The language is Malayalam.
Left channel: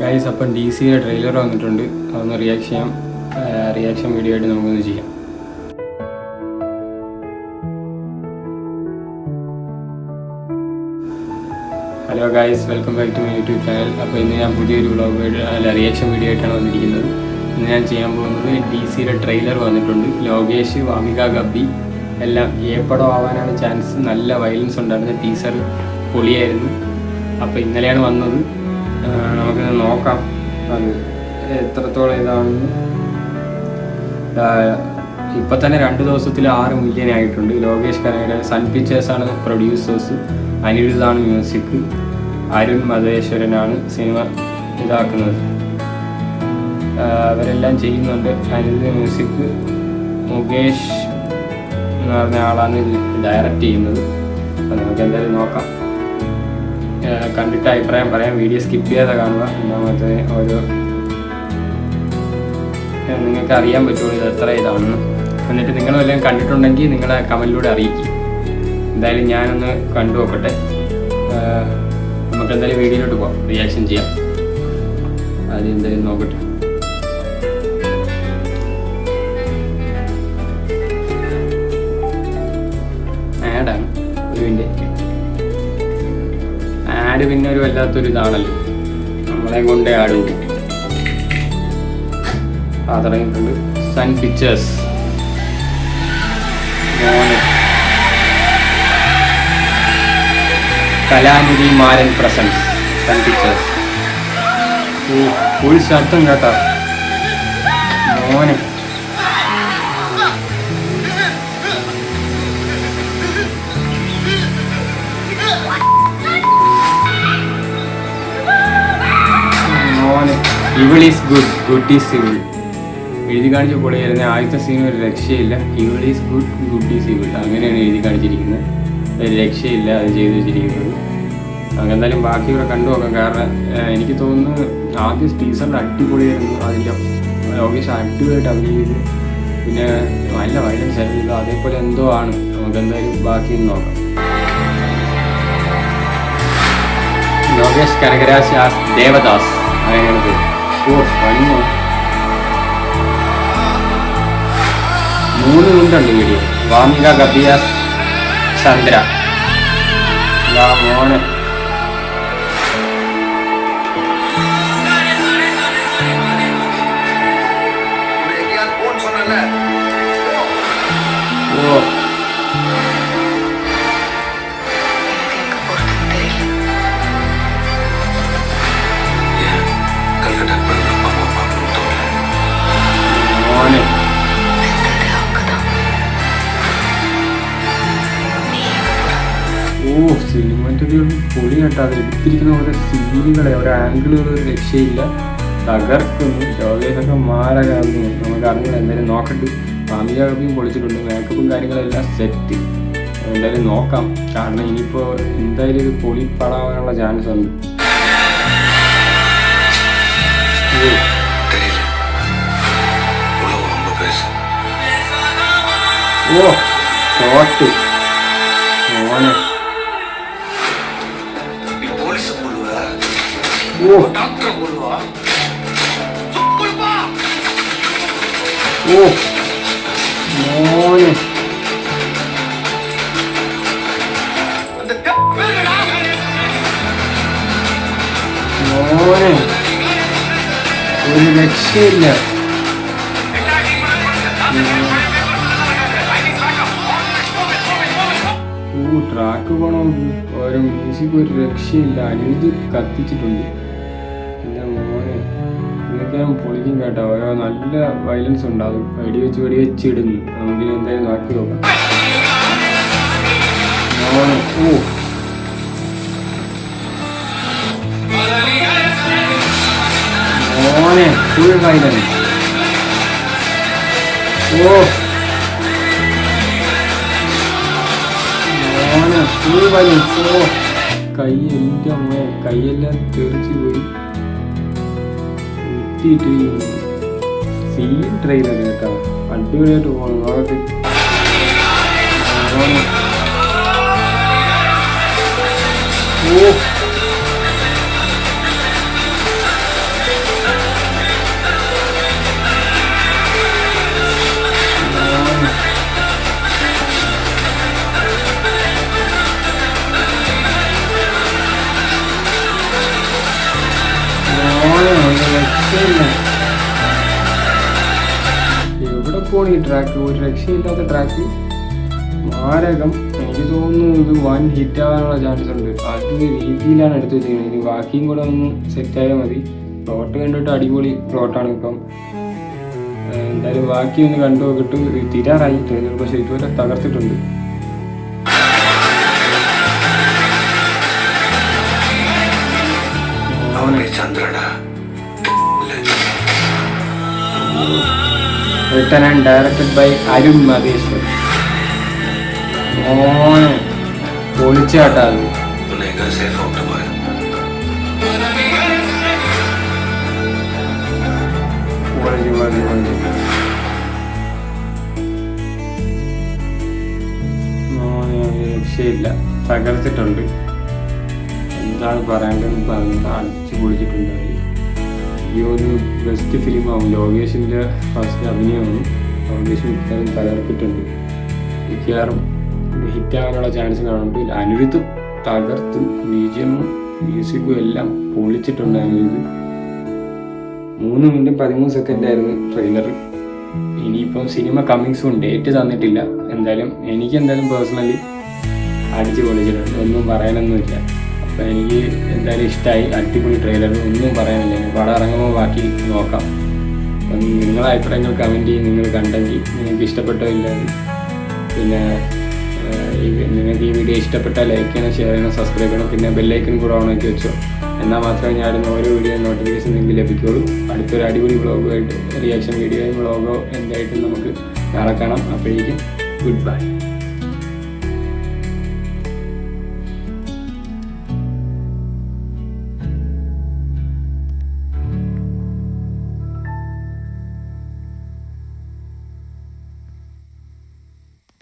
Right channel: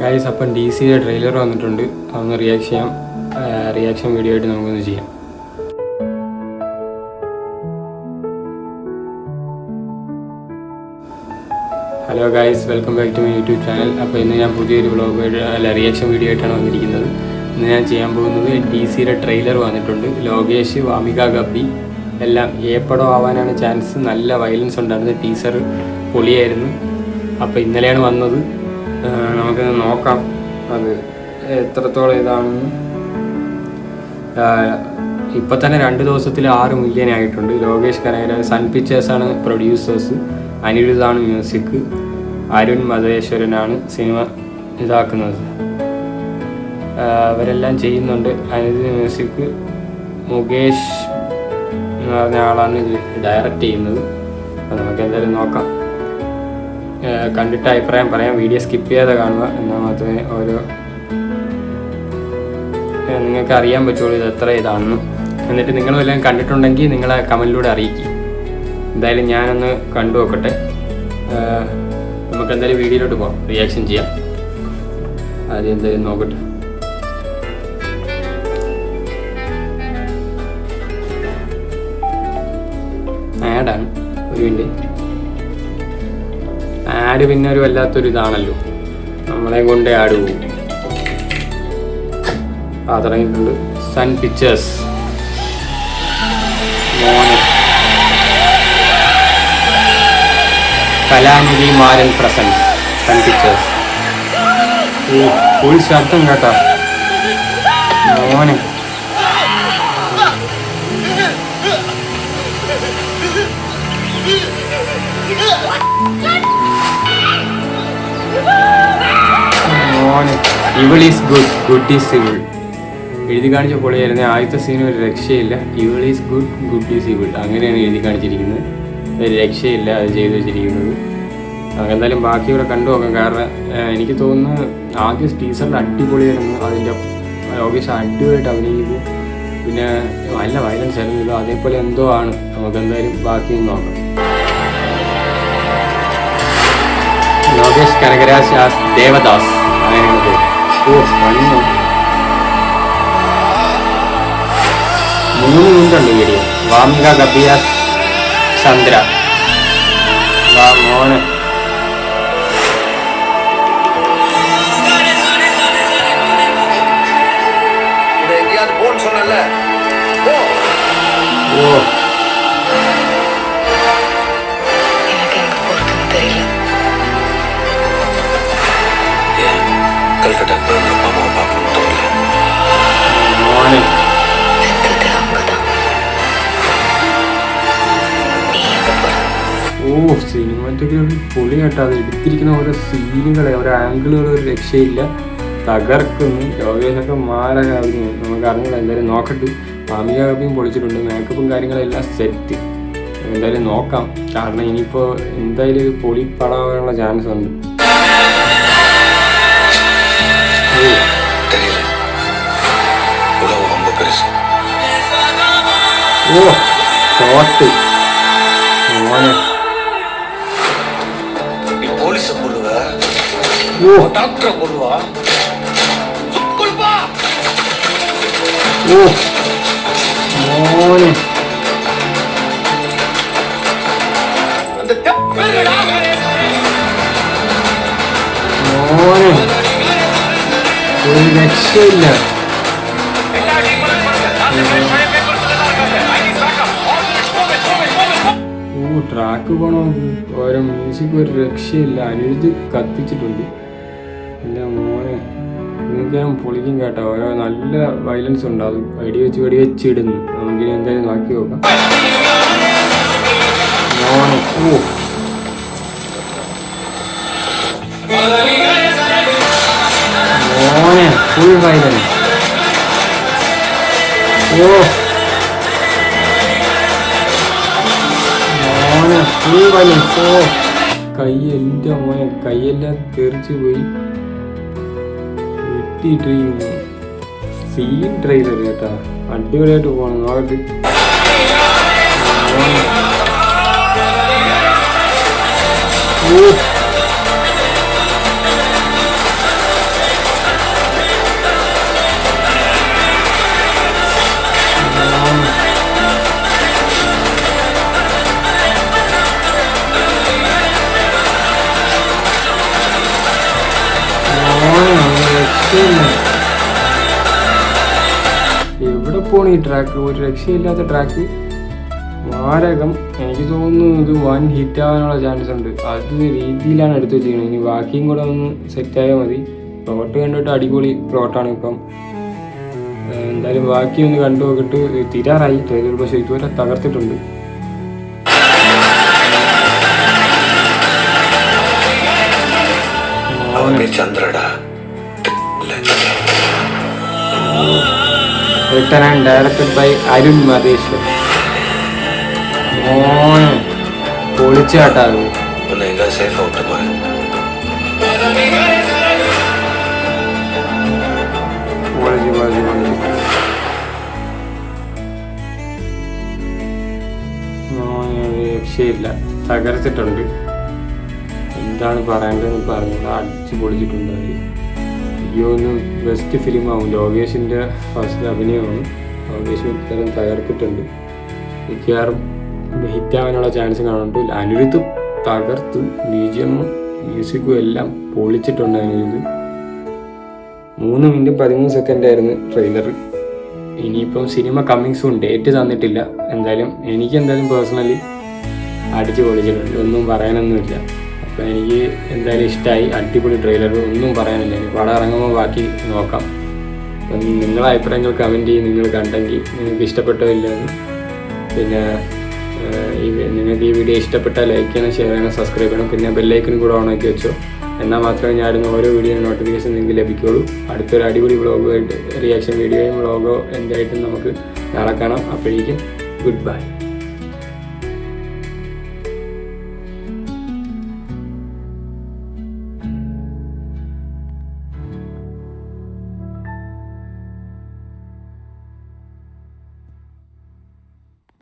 ഗൈസ്, അപ്പം DC ട്രെയിലർ വന്നിട്ടുണ്ട്. അതൊന്ന് റിയാക്ഷൻ വീഡിയോ ആയിട്ട് നമുക്കൊന്ന് ചെയ്യാം. Hello guys, welcome back to my YouTube channel. അപ്പോൾ ഇന്ന് ഞാൻ പുതിയൊരു റിയാക്ഷൻ വീഡിയോ ആയിട്ടാണ് വന്നിരിക്കുന്നത്. ഇന്ന് ഞാൻ ചെയ്യാൻ പോകുന്നത് DC ട്രെയിലർ വന്നിട്ടുണ്ട്. ലോകേഷ്, വാമിക ഗബ്ബി എല്ലാം ഏപ്പടം ആവാനാണ് ചാൻസ്. നല്ല വയലൻസ് ഉണ്ടായിരുന്നു. ടീസർ പൊളിയായിരുന്നു. അപ്പോൾ ഇന്നലെയാണ് വന്നത്. നമുക്ക് നോക്കാം അത് എത്രത്തോളം ഇതാണെന്ന്. ഇപ്പം തന്നെ 2 ദിവസത്തിൽ 6 മില്യൺ ആയിട്ടുണ്ട്. ലോകേഷ് കനകരാജ്, സൺ പിക്ചേഴ്സാണ് പ്രൊഡ്യൂസേഴ്സ്, അനിരുദ്ധാണ് മ്യൂസിക്, അരുൺ മധേശ്വരനാണ് സിനിമ ഇതാക്കുന്നത്. അവരെല്ലാം ചെയ്യുന്നുണ്ട്. അനിരുദ്ധ് മ്യൂസിക്, മുകേഷ് എന്ന് പറഞ്ഞ ആളാണ് ഇത് ഡയറക്റ്റ് ചെയ്യുന്നത്. അപ്പോൾ നമുക്ക് എന്തായാലും നോക്കാം. കണ്ടിട്ട് അഭിപ്രായം പറയാം. വീഡിയോ സ്കിപ്പ് ചെയ്യാതെ കാണുക. എന്നാൽ മാത്രമേ നിങ്ങൾക്ക് അറിയാൻ പറ്റുള്ളൂ ഇത് എത്ര ഇതാണെന്ന്. എന്നിട്ട് നിങ്ങളും എല്ലാം കണ്ടിട്ടുണ്ടെങ്കിൽ നിങ്ങളെ കമൻറ്റിലൂടെ അറിയിക്കും. എന്തായാലും ഞാനൊന്ന് കണ്ടു നോക്കട്ടെ. നമുക്ക് എന്തായാലും വീഡിയോയിലോട്ട് പോകാം, റിയാക്ഷൻ ചെയ്യാം. ആദ്യം എന്തായാലും നോക്കട്ടെ. ആഡാണ് ഒരു മിനിറ്റ്. ആഡ് പിന്നെ ഒരു വല്ലാത്തൊരു ഇതാണല്ലോ, നമ്മളെ കൊണ്ട് ആഡ് പോകും. തുടങ്ങിയിട്ടുണ്ട്. സൺ പിക്ചേഴ്സ് മോനെ, കലാനിധി മാരൻ പ്രസൻസ്, സൺ പിക്ചേഴ്സ്. ഫുൾ ശബ്ദം കേട്ടോ മോനെ. ഇവൾ is good, good is evil. എഴുതി കാണിച്ച പൊളിയായിരുന്നു. ആദ്യത്തെ സീൻ ഒരു രക്ഷയില്ല. ഇവൾ is good, good is evil, അങ്ങനെയാണ് എഴുതി കാണിച്ചിരിക്കുന്നത്. ഒരു രക്ഷയില്ല അത് ചെയ്തു വെച്ചിരിക്കുന്നത്. എന്തായാലും ബാക്കി ഇവിടെ കണ്ടു നോക്കാം. കാരണം എനിക്ക് തോന്നുന്നു ആദ്യം ടീസറിൽ അടിപൊളിയായിരുന്നു. അതിൻ്റെ ലോകേഷ് അടിപൊളിയായിട്ട് അഭിനയിക്കുന്നു. പിന്നെ നല്ല വയലൻസ് ആയിരുന്നു. അതേപോലെ എന്തോ ആണ്. നമുക്ക് എന്തായാലും ബാക്കി നോക്കാം. ലോകേഷ് കനകരാജ് ആസ് ദേവദാസ്, അങ്ങനെയാണ് പേര്. വന്നു 3 മിനിറ്റുണ്ട് വീഡിയോ. വാമിക ഗബ്ബി ആസ് ചന്ദ്ര. മോനെ ഓ മോനെ സിനിമറ്റൊക്കെ പൊളി കേട്ടോ. അത് എടുത്തിരിക്കുന്ന ഓരോ സീനുകളെ, ഓരോ ആംഗിളുകൾ ഒരു രക്ഷയില്ല, തകർക്കുന്നു. ലോകേഷൊക്കെ മാരക അഭിനയം. നമുക്ക് അറിഞ്ഞില്ല. എന്തായാലും നോക്കട്ട്. വാമിക ഗബ്ബിയും പൊളിച്ചിട്ടുണ്ട്. മേക്കപ്പും കാര്യങ്ങളെല്ലാം സെറ്റ്. എന്തായാലും നോക്കാം. കാരണം ഇനിയിപ്പോൾ എന്തായാലും ഇത് പൊളിപ്പടാവാനുള്ള ചാൻസ് ഉണ്ട്. ഓ ഷോട്ട് മോനെ. ഓ മോനെ മോനെ ഒരു രക്ഷയില്ല. ട്രാക്ക് പോണോ, ഓരോ മ്യൂസിക് ഒരു രക്ഷയില്ല. അനിരുദ്ധ് കത്തിച്ചിട്ടുണ്ട്. ഇല്ല മോനെ, ഇതൊക്കെ പൊളിക്കും കേട്ടോ. ഓരോ നല്ല വയലൻസ് ഉണ്ടാകും. വെടിവെച്ച് ഇടുന്നു. നമുക്കിനി എന്തായാലും നോക്കി നോക്കാം. മോനെ മോനെ ഫുൾ വയലൻസ്. മോനെ ഫുൾ വയലൻസ്. കൈ, എൻ്റെ മോനെ കൈയെല്ലാം തെറിച്ചു പോയി. വെട്ടിയിട്ട് സീൻ ട്രെയിലർ കേട്ടോ. അടിപൊളിയായിട്ട് പോകണം. നോക്കട്ടെ. രക്ഷയില്ല. എവിടെ പോണ ഈ ട്രാക്ക്, ഒരു രക്ഷയില്ലാത്ത ട്രാക്ക്. മാരകം. എനിക്ക് തോന്നുന്നു ഇത് വൻ ഹിറ്റ് ആവാനുള്ള ചാൻസ് ഉണ്ട്. അത് രീതിയിലാണ് എടുത്ത് വെച്ചിരിക്കുന്നത്. ഇനി ബാക്കിയും കൂടെ ഒന്ന് സെറ്റായാൽ മതി. പ്ലോട്ട് കണ്ടിട്ട് അടിപൊളി പ്ലോട്ടാണ്. ഇപ്പം എന്തായാലും ബാക്കി ഒന്ന് കണ്ടു നോക്കിയിട്ട് തീരാറായി ട്രെയിലർ. പക്ഷേ ഇതുവരെ തകർത്തിട്ടുണ്ട്. written and directed by Arun മതേശ്വർ. പൊളിച്ചാട്ടാ അത്. രക്ഷയില്ല, തകർത്തിട്ടുണ്ട്. എന്താണ് പറയേണ്ടതെന്ന് പറഞ്ഞു. അടിച്ച് പൊളിച്ചിട്ടുണ്ടായി. ഒന്ന് ബെസ്റ്റ് ഫിലിമാവും. ലോകേഷിൻ്റെ ഫസ്റ്റ് അഭിനയമാണ്. ലോകേഷ് മിക്കവാറും തകർത്തിട്ടുണ്ട്. മിക്കവാറും ഹിറ്റാകാനുള്ള ചാൻസ് കാണുന്നുണ്ട്. അനിരുദ്ധ് തകർത്ത് ബിജിഎമ്മും മ്യൂസിക്കും എല്ലാം പൊളിച്ചിട്ടുണ്ട്. അനിരുദ്ധ് 3 മിനിറ്റും 13 സെക്കൻഡായിരുന്നു ട്രെയിലർ. ഇനിയിപ്പം സിനിമ കമ്മിങ്സും ഡേറ്റ് തന്നിട്ടില്ല. എന്തായാലും എനിക്ക് പേഴ്സണലി അടിച്ച് പൊളിച്ചിട്ടുണ്ട്. ഒന്നും പറയാനൊന്നുമില്ല. അപ്പം എനിക്ക് എന്തായാലും ഇഷ്ടമായി. അടിപൊളി ട്രെയിലർ, ഒന്നും പറയാനില്ല. ഇനി പടം ഇറങ്ങുമ്പോൾ ബാക്കി നോക്കാം. അപ്പം നിങ്ങളെ അഭിപ്രായങ്ങൾ കമൻറ്റ് ചെയ്യും. നിങ്ങൾ കണ്ടെങ്കിൽ നിങ്ങൾക്ക് ഇഷ്ടപ്പെട്ടോ ഇല്ലെന്ന്. പിന്നെ നിങ്ങൾക്ക് ഈ വീഡിയോ ഇഷ്ടപ്പെട്ടാൽ ലൈക്ക് ചെയ്യണം, ഷെയർ ചെയ്യണം, സബ്സ്ക്രൈബ് ചെയ്യണം. പിന്നെ ബെല്ലൈക്കനും കൂടെ ഓണാക്കി വെച്ചോ. എന്നാൽ മാത്രമേ ഞാൻ ഇടുന്ന ഓരോ വീഡിയോ നോട്ടിഫിക്കേഷൻ നിങ്ങൾക്ക് ലഭിക്കുകയുള്ളൂ. അടുത്തൊരു അടിപൊളി വ്ളോഗുമായിട്ട്, റിയാക്ഷൻ വീഡിയോയും വ്ളോഗോ എന്തായിട്ടും നമുക്ക് നാളെ കാണാം. അപ്പോഴേക്കും ഗുഡ് ബൈ.